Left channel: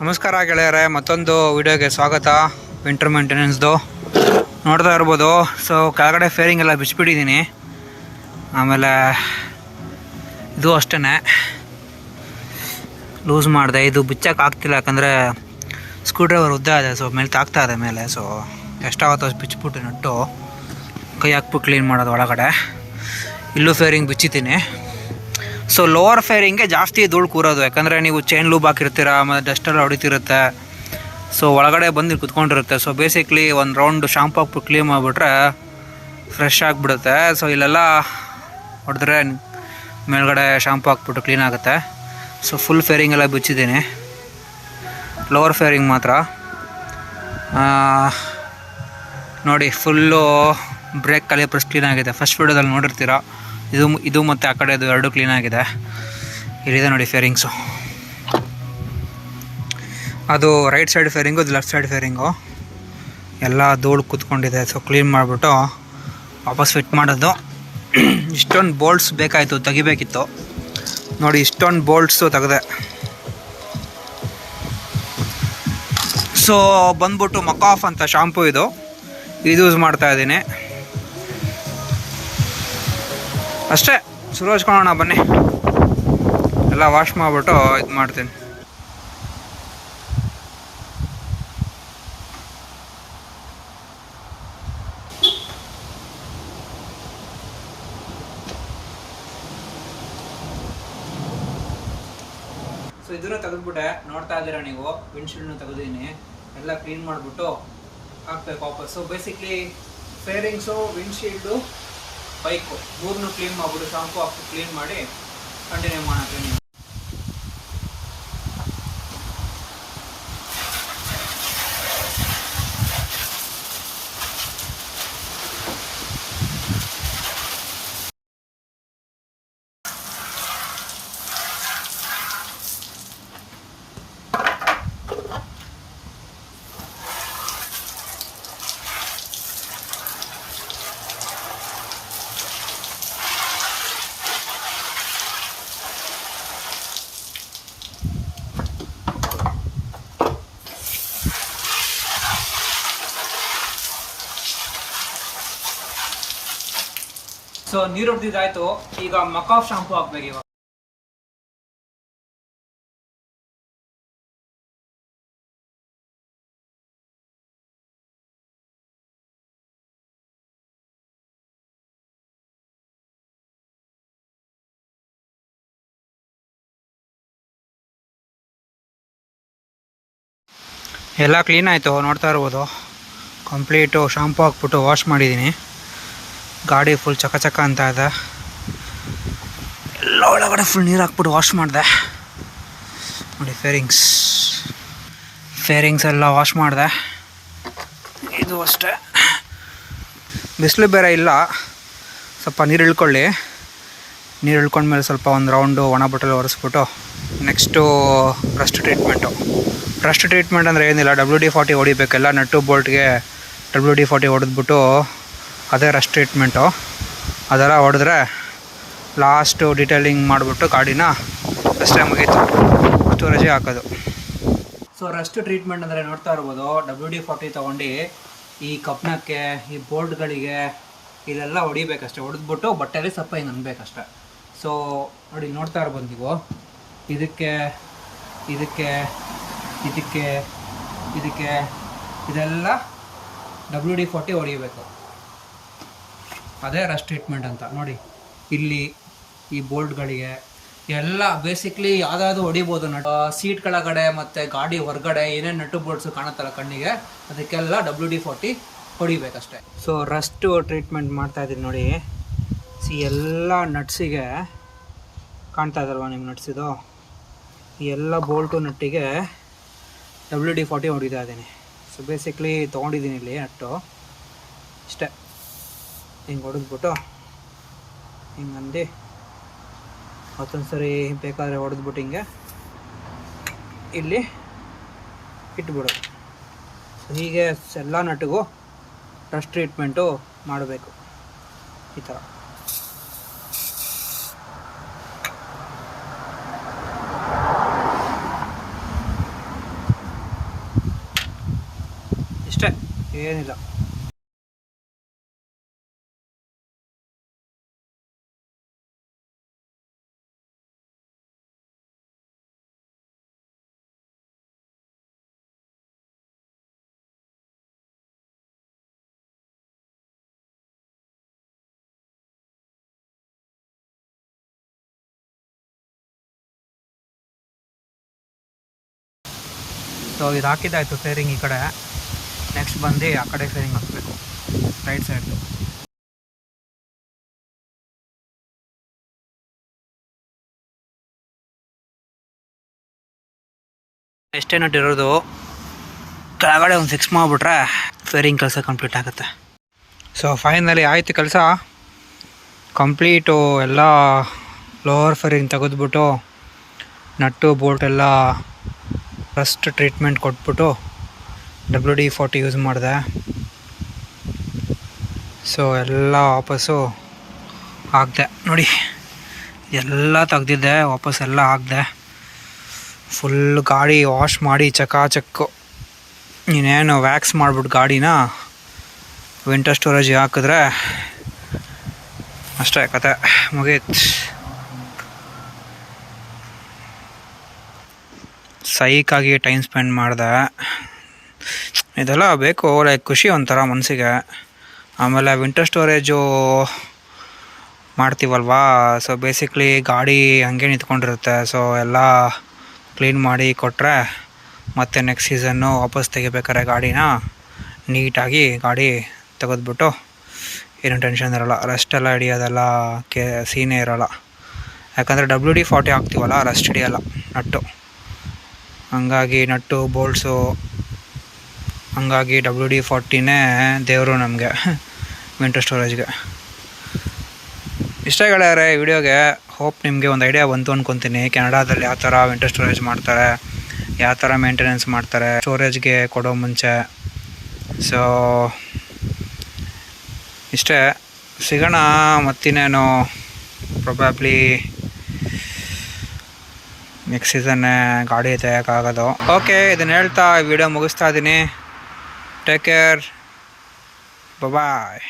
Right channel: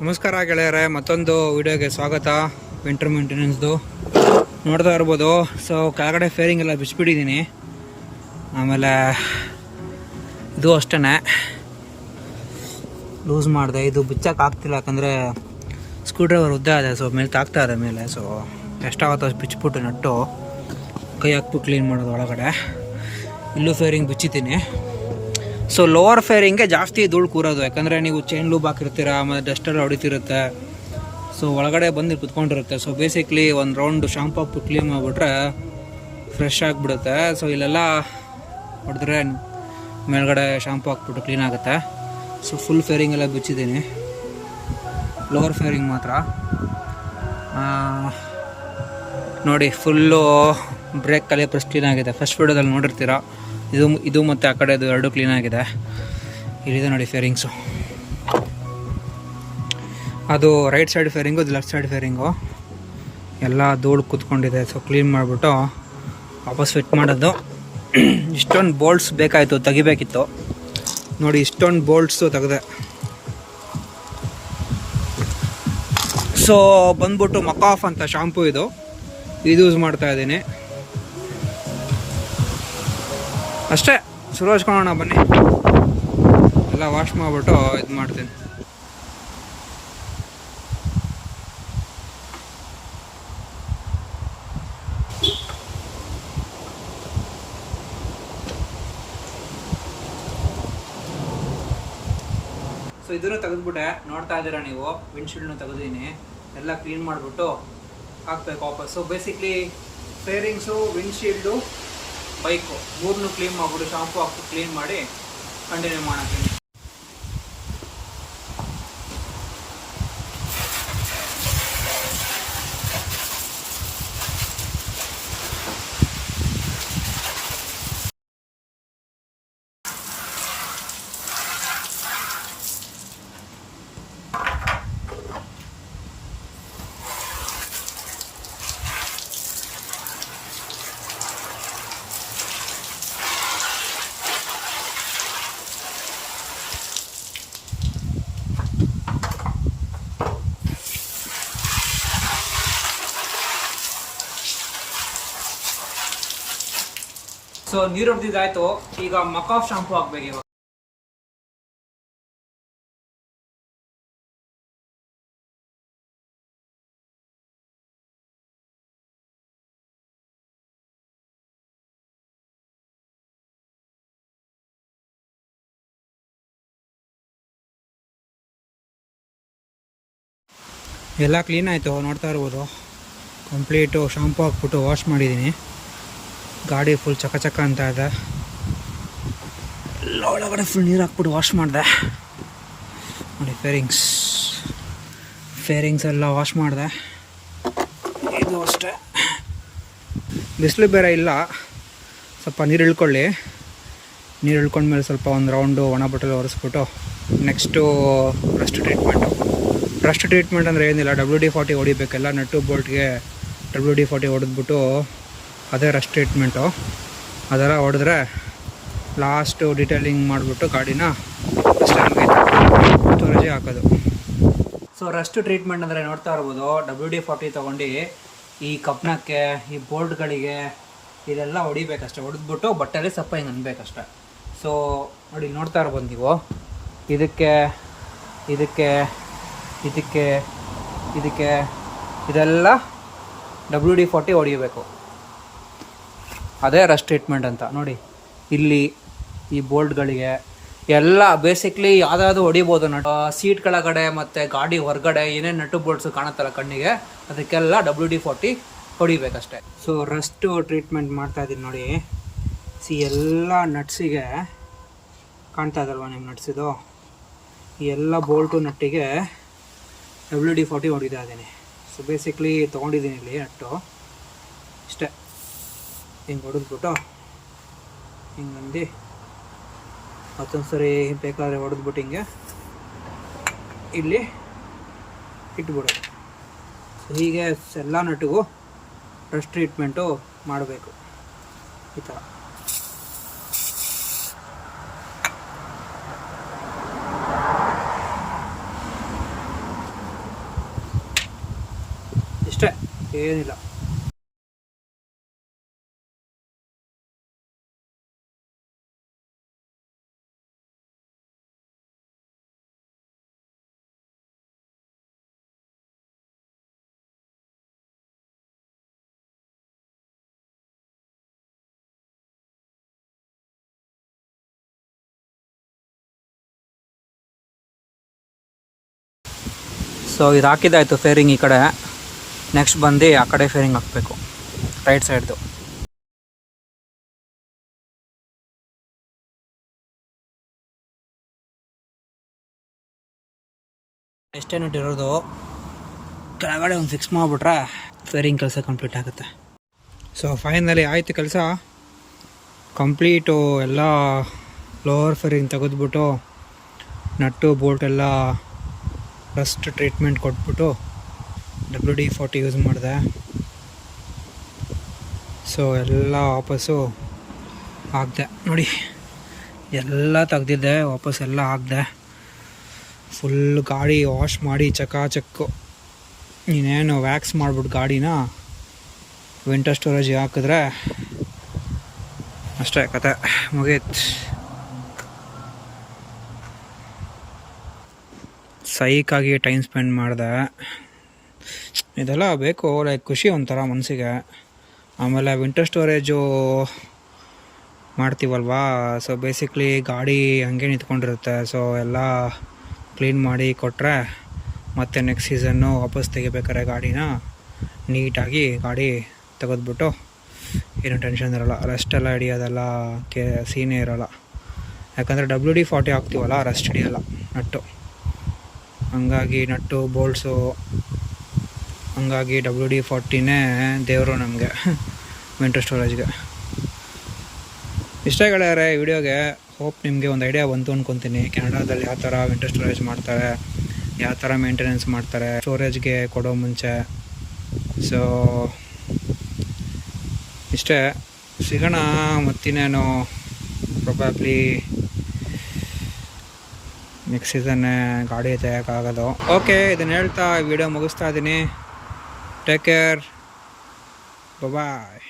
ನಮಸ್ಕಾರ ಗೆಳೆಯರೆ, ಮತ್ತೊಂದು ವಿಡಿಯೋಗೆ ಸ್ವಾಗತ. ವಿಂಟರ್ ಮೇಂಟೆನೆನ್ಸ್ದು ನೋಡ್ತಾ ಇರ್ಬೋದು. ಸೊ ಕೆಳಗಡೆ ಫೇರಿಂಗ್ ಎಲ್ಲ ಬಿಚ್ಚಿಬಿಟ್ಟಿದ್ದೀನಿ. ಆಮೇಲೆ ಇದು ಅಷ್ಟೇ ಲೂಸ್ ಮಾಡಿದೆ. ಇದು ಬಿಚ್ಚಕ್ಕೆ ಆಗ್ತಿಲ್ಲ, ಯಾಕಂದರೆ ಸ್ಕ್ರೂ ಡ್ರೈವರ್ ಉದ್ದ ಇದೆ. ಸೊ ಮೇಲೆ ತಾಗ್ತಾ ಇದೆ ಮೇಲೆ. ಸೊ ಎಷ್ಟಾಗುತ್ತೋ ಅಷ್ಟು ಬಿಚ್ಚಿಬಿಟ್ಟು ನಟ್ಟು ಕೈ ಹಾಕ್ಬಿಟ್ಟು ಕ್ಲೀನ್ ಮಾಡೋದು ಒಳಗಡೆ. ಇಲ್ಲೂ ಫೇರಿಂಗ್ ಬಿಚ್ಚಿದ್ದೀನಿ. ಸೊ ಲೋವರ್ ಫೇರಿಂಗ್ಗೆ ಜಾಸ್ತಿ ಧೂಳು ಕೂರೋದು, ಯಾಕಂದರೆ ನೀವು ಚೈನ್ ಲೂಬ್ ಹಾಕಿರ್ತೀರ, ಆಮೇಲೆ ಡಸ್ಟೆಲ್ಲ ಹೊಡಿತಿರುತ್ತೆ. ಸೊ ಒಳಗಡೆ ಬಂದು ಕುತ್ಕೊಂಡಿರುತ್ತೆ. ಸೊ ಬೇಸಿಕ್ಲಿ ಒಂದು ರೌಂಡ್ ಶಾಂಪು ಹಾಕ್ಬಿಟ್ಟು ಕ್ಲೀನ್ ಮಾಡಿಬಿಟ್ರೆ ಫ್ರೆಶ್ ಆಗಿಬಿಡುತ್ತೆ. ಸೊ ಇಲ್ಲೆಲ್ಲ ಹೊಡೆದ್ರೆ ಮೇಲ್ಗಡೆ ಶಾಂಪು ಹಾಕ್ಬಿಟ್ಟು ಕ್ಲೀನ್ ಆಗುತ್ತೆ. ಸೊ ಫುಲ್ ಫೇರಿಂಗ್ ಎಲ್ಲ ಬಿಚ್ಚಿದ್ದೀನಿ, ಲೋವರ್ ಫೇರಿಂಗ್ ಮಾತ್ರ. ನೋಡಿ, ಫುಲ್ಲು ಬ್ರೇಕ್ ಕ್ಯಾಲಿಪರ್ಸ್ ಕ್ಲೀನ್ ಆಗಿದೆ. ಫಸ್ಟ್ ವಿಡಿಯೋದಲ್ಲಿ ನೋಡಿರ್ತೀರ. ಇದು ಮತ್ತು ಆ ಕಡೆದು ಎರಡು ಕ್ಲೀನ್ ಆಗಿದೆ. ಇಲ್ಲಿದೆ ನೋಡಿ ಫೇರಿಂಗ್ಸು. ಅದು ರೈಟ್ ಸೈಡ್ ಫೇರಿಂಗು, ಇದು ಲೆಫ್ಟ್ ಸೈಡ್ ಫೇರಿಂಗು. ಎಲ್ಲ ಧೂಳು ಕೂತ್ಕೊಂಡಿದೆ. ಸೊ ಕ್ಲೀನ್ ಮಾಡಿಬಿಟ್ಟು ವಾಪಸ್ ಫಿಟ್ ಮಾಡೋದು. ಇಷ್ಟೊಂದು ಬೋಲ್ಟ್ಸ್ ಬೇಕಾಯಿತು, ತೆಗಿಬೇಕಿತ್ತು. ನೋಡಿ, ಇಷ್ಟೊಂದು ಬೋಲ್ಟ್ಸು ತೆಗೆದೆ. ಸೊ ಬಂದ್ಬಿಟ್ಟು ಮಕಾಫ್ ಅಂತ ಶಾಂಪು ಇದು ಯೂಸ್ ಮಾಡ್ತಾಯಿದ್ದೀನಿ. ಅಷ್ಟೇ, ಶುರು ಹಚ್ಕೊಳ್ಳೋಣ ಬನ್ನಿ. ಎಲ್ಲ ವಾಶ್ ಮಾಡಿಬಿಟ್ಟು ಇದು ಮಾಡ್ತೀನಿ. ಸೊ ಇದನ್ನು ತೆಗೆದ್ಬಿಟ್ಟೆ, ನೋಡ್ತಾ ಇದ್ದೀರಾ ನೀವು. ವಿಂಡ್ಶೀಲ್ಡ್ನ ತೆಗೆದಿದ್ದೀನಿ, ಎಲ್ಲ ಕ್ಲೀನ್ ಮಾಡಿಬಿಟ್ಟು ಹಾಕಬೇಕು ವಾಪಸ್ಸು. ಬೇಸಿಕ್ಲಿ ಫೇರಿಂಗ್ಸು, ವಿಂಡ್ಶೀಲ್ಡು, ಬೈಕು ಮೂರನ್ನು ಕ್ಲೀನ್ ಮಾಡಿಬಿಟ್ಟು ಶಾಂಪು ಹಾಕ್ಬಿಟ್ಟು ಕ್ಲೀನ್ ಮಾಡಿ ಕಂಟಿನ್ಯೂ ಮಾಡೋಣ ಕ್ಲೀನಿಂಗ್. ಸೊ ನೀರು ಹೊಡೆದಿದ್ದಾಯ್ತು. ಈಗ ಮಕಾಫ್ ಶಾಂಪು ಹಾಕ್ಬೇಕು. ಇವಾಗ ಎಲ್ಲ ಕ್ಲೀನ್ ಆಯಿತು, ನೋಡ್ತಾ ಇರ್ಬೋದು. ಕಂಪ್ಲೀಟು ಶಾಂಪು ಹಾಕ್ಬಿಟ್ಟು ವಾಶ್ ಮಾಡಿದ್ದೀನಿ. ಗಾಡಿ ಫುಲ್ ಚಕ ಅಂತ ಇದೆ. ಎಲ್ಲ ಒಳಗಡೆ ಫುಲ್ ನೀರು ಹಾಕ್ಬಿಟ್ಟು ವಾಶ್ ಮಾಡಿದೆ. ನೋಡಿ ಫೇರಿಂಗ್ಸ್ ಎಲ್ಲ ವಾಶ್ ಮಾಡಿದೆ. ಇದು ಅಷ್ಟೇ. ಬಿಸಿಲು ಬೇರೆ ಇಲ್ಲ, ಸ್ವಲ್ಪ ನೀರು ಇಳ್ಕೊಳ್ಳಿ. ನೀರು ಇಳ್ಕೊಂಡ್ಮೇಲೆ ಸ್ವಲ್ಪ ಒಂದು ರೌಂಡು ಒಣ ಬಟ್ಟೆಲ್ಲ ಒರೆಸ್ಬಿಟ್ಟು ನೆಕ್ಸ್ಟು ರಸ್ಟ್ ಟ್ರೀಟ್ಮೆಂಟ್ ಅಂದರೆ ಏನಿಲ್ಲ, WD-40 ಹೊಡಿಬೇಕೆಲ್ಲ ನಟ್ಟು ಬೋಲ್ಟ್ಗೆ. WD-40 ಹೊಡೆದ್ಬಿಟ್ಟು ಅದೇ ರಸ್ಟ್ ಟ್ರೀಟ್ಮೆಂಟು. ಅದೆಲ್ಲ ಹೊಡೆದ್ರೆ ಲಾಸ್ಟು ಡೀಟೇಲಿಂಗ್ ಮಾಡಿಬಿಟ್ಟು ಗಾಡಿನ ಅಷ್ಟೇ ಮುಗೀತು, ಸ್ಟೋರೇಜಿಗೆ ಹಾಕೋದು. ಸೊ ರಸ್ಟ್ ಟ್ರೀಟ್ಮೆಂಟ್ ಅಂದರೆ ನೋಡ್ತಾ ಇರ್ಬೋದು, WD-40 ತೊಗೊಂಡು ಈ ಕಬ್ಣಕ್ಕೆ, ಈ ಬೋಲ್ಟ್ಗಳಿಗೆ ಇಲ್ಲೆಲ್ಲ ಹೊಡಿಬೇಕಷ್ಟೆ. ಹೊಡೆದ್ಬಿಟ್ಟು ಬಟ್ಟೆಯಲ್ಲಿ ಸ್ವಲ್ಪ ಹಿಂಗೆ ಅನ್ಬೇಕಷ್ಟೆ. ಸೊ ನೋಡಿ, ನೋಡ್ತಾ ಇರ್ಬೋದು ನೀವು. ಇದಕ್ಕೆ ಇದೆಲ್ಲ WD-40 ಹೊಡಿಬೇಕು. ಅದೇ ರಸ್ಟ್ ಟ್ರೀಟ್ಮೆಂಟ್ ಅಂತ. ನೋಡಿ, ಇಲ್ಲಿ ಈ ಬೋಲ್ಟ್ಗಳಿಗೆ ಎಲ್ಲ ಬೇಸಿಕ್ಲಿ ಯಾವ್ದಾದ್ರು ಹೊಡಿಬೋದು. ಸೀಟ್ ಕೆಳಗಡೆ ಮತ್ತು ಗಾಡಿ ಹೊರಗಡೆ ಏನೇನು ನಟ್ಟು ಬೋಲ್ಟ್ಸು ಕಾಣುತ್ತಲ್ಲ ಕಣ್ಣಿಗೆ, ಅದಕ್ಕೆಲ್ಲ WD-40 ಹೊಡಿಬೇಕಷ್ಟೆ. ಸೊ ರಸ್ಟು ಟ್ರೀಟ್ಮೆಂಟ್ ಮಾಡ್ತಾಯಿದ್ದೀನಿ ನೋಡಿ. ಎಲ್ಲ ನಟ್ಸಿಗೆ ಕಾಣ್ತಾ ಇದ್ದಲ್ವ ನಿಮ್ಮ ನಟ್ಸಿದು, ಈ ಎಲ್ಲ ಬೋಲ್ಟು ನಟ್ಟಿಗೆ WD-40 ಹೊಡಿತಾ ಇದ್ದೀನಿ. ಸೊ ಬೇಸಿಕ್ಲಿ ತೊಗೊಂಡಿದ್ದೀನಿ ಇಲ್ಲಿ ನಟ್ಟು. ಇಷ್ಟೇ, ಹಿಂಗೆ ಹೊಡೆದ್ಬಿಟ್ಟು ಹಿಂಗಂದು ಮತ್ತೊಂದು ಸರಿ ಬೇಕಾದರೆ ಹೊಡೆದ್ಬಿಟ್ಟು ಹಿಂಗೆ ಇಲ್ಲಿ ಇಟ್ಬಿಡೋದು. ಸೊ ಹೀಗೆ ಎಲ್ಲ ನಟ್ಟಿಗೂ ರಸ್ಟ್ ಟ್ರೀಟ್ಮೆಂಟು ಮಾಡಬೇಕು ಈ ಥರ. ಇಷ್ಟೇ, ಏನಿಲ್ಲ. ಸೊ ಇದು ಹಾಕಿದ್ದಾಯಿತು ಫೇರಿಂಗ್ ಈ ಕಡೆ. ನೆಕ್ಸ್ಟ್ ಬಂದು ಆ ಕಡೆ ಫೇರಿಂಗ್ ಹಾಕಬೇಕು, ರೈಟ್ ಸೈಡ್ದು. ಎಷ್ಟೇ ನಟ್ ಇರೋದು, ಕೆಳಗಡೆ ಒಂದು ಫಿಕ್ಸ್ ಮಾಡಿಬಿಟ್ರೆ ಫೇರಿಂಗ್ ಕೆಲಸ ಕಂಪ್ಲೀಟ್ ಆಗುತ್ತೆ. ಸೊ ಫೈನಲಿ ಆಯಿತು ಕೆಲಸ ಕಂಪ್ಲೀಟು. ಎಲ್ಲ ಲೋವರ್ ಫೇರಿಂಗ್ ತೆಗೆದ್ಬಿಟ್ಟು ನಟ್ಟು ಬೋಲ್ಟ್ ಎಲ್ಲ ರಸ್ಟ್ ಟ್ರೀಟ್ಮೆಂಟ್ ಕೊಟ್ಬಿಟ್ಟು WD-40 ಯೂಸ್ ಮಾಡಿದೆ. ಸೊ ಎಲ್ಲ ವಾಪಸ್ಸು ಹಾಕಿದೆ ನೋಡಿ, ಎಲ್ಲ ತೆಗ್ದಿದ್ದೆ ವಾಪಸ್ ಎಲ್ಲ ಹಾಕಿದೆ. ಫುಲ್ ಗಾಡಿ ವಾಶ್ ಮಾಡಿ ಚಕ್ಕು. ನೀನೇನು ವ್ಯಾಕ್ಸ್ ಮಾಡಿಬಿಟ್ಟು ಗಾಡಿನ ವಿಂಟರ್ ಸ್ಟೋರೇಜಿಗೆ ಹಾಕಿದ್ರೆ ಅಷ್ಟೇ ಕತೆ ಮುಗೀತು. ಸೈಕಾಗಿ ಟೈಮ್ ಸ್ಪೆಂಡ್ ಮಾಡಿದೆ. ಇದೆಲ್ಲ ಬೇಕು, ಲೈಕ್ ಖುಷಿ ಒಂಥರ ಮನಸ್ಸಿಗೆ. ಆಮೇಲೆ ವಿಂಟರ್ ಸ್ಟೋರೇಜು ಮಾಡ್ತೀವಲ್ವಾ, ಸೊ ಬೇಸಿಕ್ಲಿ ಗಾಡಿ ಹಂಗೆ ನಿಂತ್ಕೊಂಡಿರುತ್ತೆ. ಸೊ ಎಲ್ಲ ಕ್ಲೀನ್ ಮಾಡಿ ಕೊಟ್ಟರೆ ಮತ್ತು ನೆಕ್ಸ್ಟ್ ಸೀಸನ್ನು ವಾಪಸ್ ತೆಗಿಬೇಕಾರೆ ಗಾಡಿನ ನೀಟಾಗಿ ಗಾಡಿ ತೆಗೆದ್ಬಿಟ್ಟು ಏನೂ ಟೆನ್ಷನ್ ಇರೋಲ್ಲ. ರಸ್ಟೆಲ್ಲ ಹಿಡಿಯೋದೆಲ್ಲ ಸೀನೇ ಇರೋಲ್ಲ. ಯಾಕಂದರೆ WD-40 ಹಾಕ್ತೀವಲ್ಲ, ರಸ್ಟ್ ಹಿಡಿಯೋಲ್ಲ ನಟ್ಟು. ಹಂಗಾಗಿ ನಟ್ಟು ಬೋಲ್ಟ್ಸು, ಹಂಗಾಗಿ WD-40ನೇ ದೇವರು ನಮಗೆ ವಿಂಟರ್ ಸ್ಟೋರೇಜ್ಗೆ. ಇಷ್ಟ ಗೆಳೆಯರೆ ವಿಡಿಯೋಗೆ. ಹೋಪ್ ನಿಮಗೆ ಒಂದು ಐಡಿಯಾ ಬಂತು ಅಂದ್ಕೊತೀನಿ. ಕೆನಡಾದಲ್ಲಿ ಯಾವ ಥರ ವಿಂಟರ್ ಸ್ಟೋರೇಜ್ ಮಾಡ್ತಾರೆ, ಯಾವ ಥರ ಮೇಂಟೆನೆನ್ಸ್ ಮಾಡ್ತಾರೆ ಸ್ಟೋರೇಜ್ಗೆ ಕೊಡೋ ಮುಂಚೆ. ಸೊ ಇಷ್ಟೇ, ಸಿಗೋಣ ಮತ್ತಿನ್ನೇನು ಪ್ರೊಬ್ಯಾಬ್ಲಿ ನೆಕ್ಸ್ಟ್ ಸೀಸನ್ನೇ ಗಾಡಿ ತೆಗಿಯೋಕ್ಕಾಗೋದು. ಓಕೆ, ಇದನ್ನು ಹೇಳ್ತಾ ವಿಡಿಯೋ ಮುಗಿಸ್ತಾ ಇದ್ದೀನಿ. ಟೇಕ್ ಕೇರ್, ಬಾಯ್.